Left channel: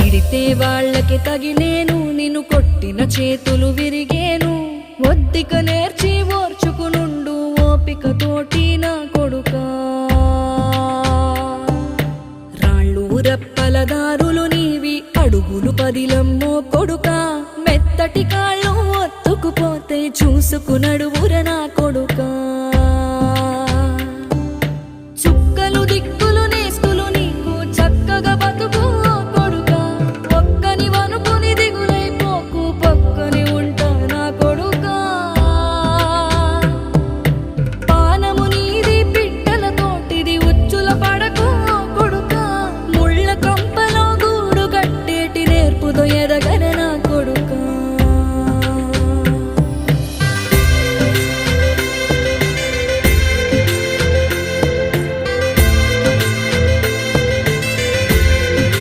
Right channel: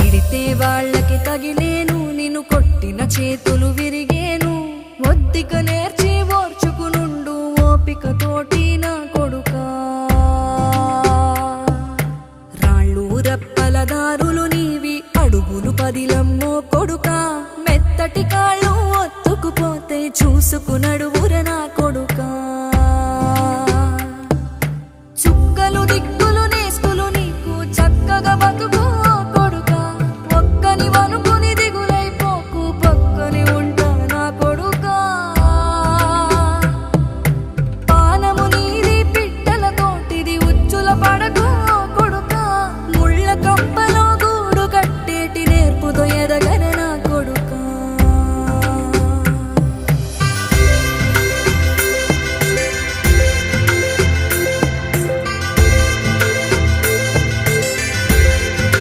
తిడితే వాళ్ళకి తగిలేను, నిన్ను కొట్టిన చేతులు విరిగేను. ఒద్దిక నేర్చి ఓర్చుకునుండు ఓపికతోటి నా కొడుకా. రాళ్ళు రప్పల దారులు నీవి, అడుగులు పదిలమ్మో కొడుకా. మెత్తటి కాళ్ళు ఒత్తుకుపోతే చూసుకునడువుర నా కొడుకా. చుక్కలు దిక్కులు నేస్తులు నీకు చక్కగా బతుకు కొడుకా. ఒక్కని వనుకుని దిగులైపోకు, పక్కని ఉంటా నా కొడుకా. పానము నీది పిట్టల తోటిది, ఉచ్చుల పడకు కొడుకా. ముళ్ళ కంపలో గూడు కట్టేటి నేర్పుతో ఎదగర నా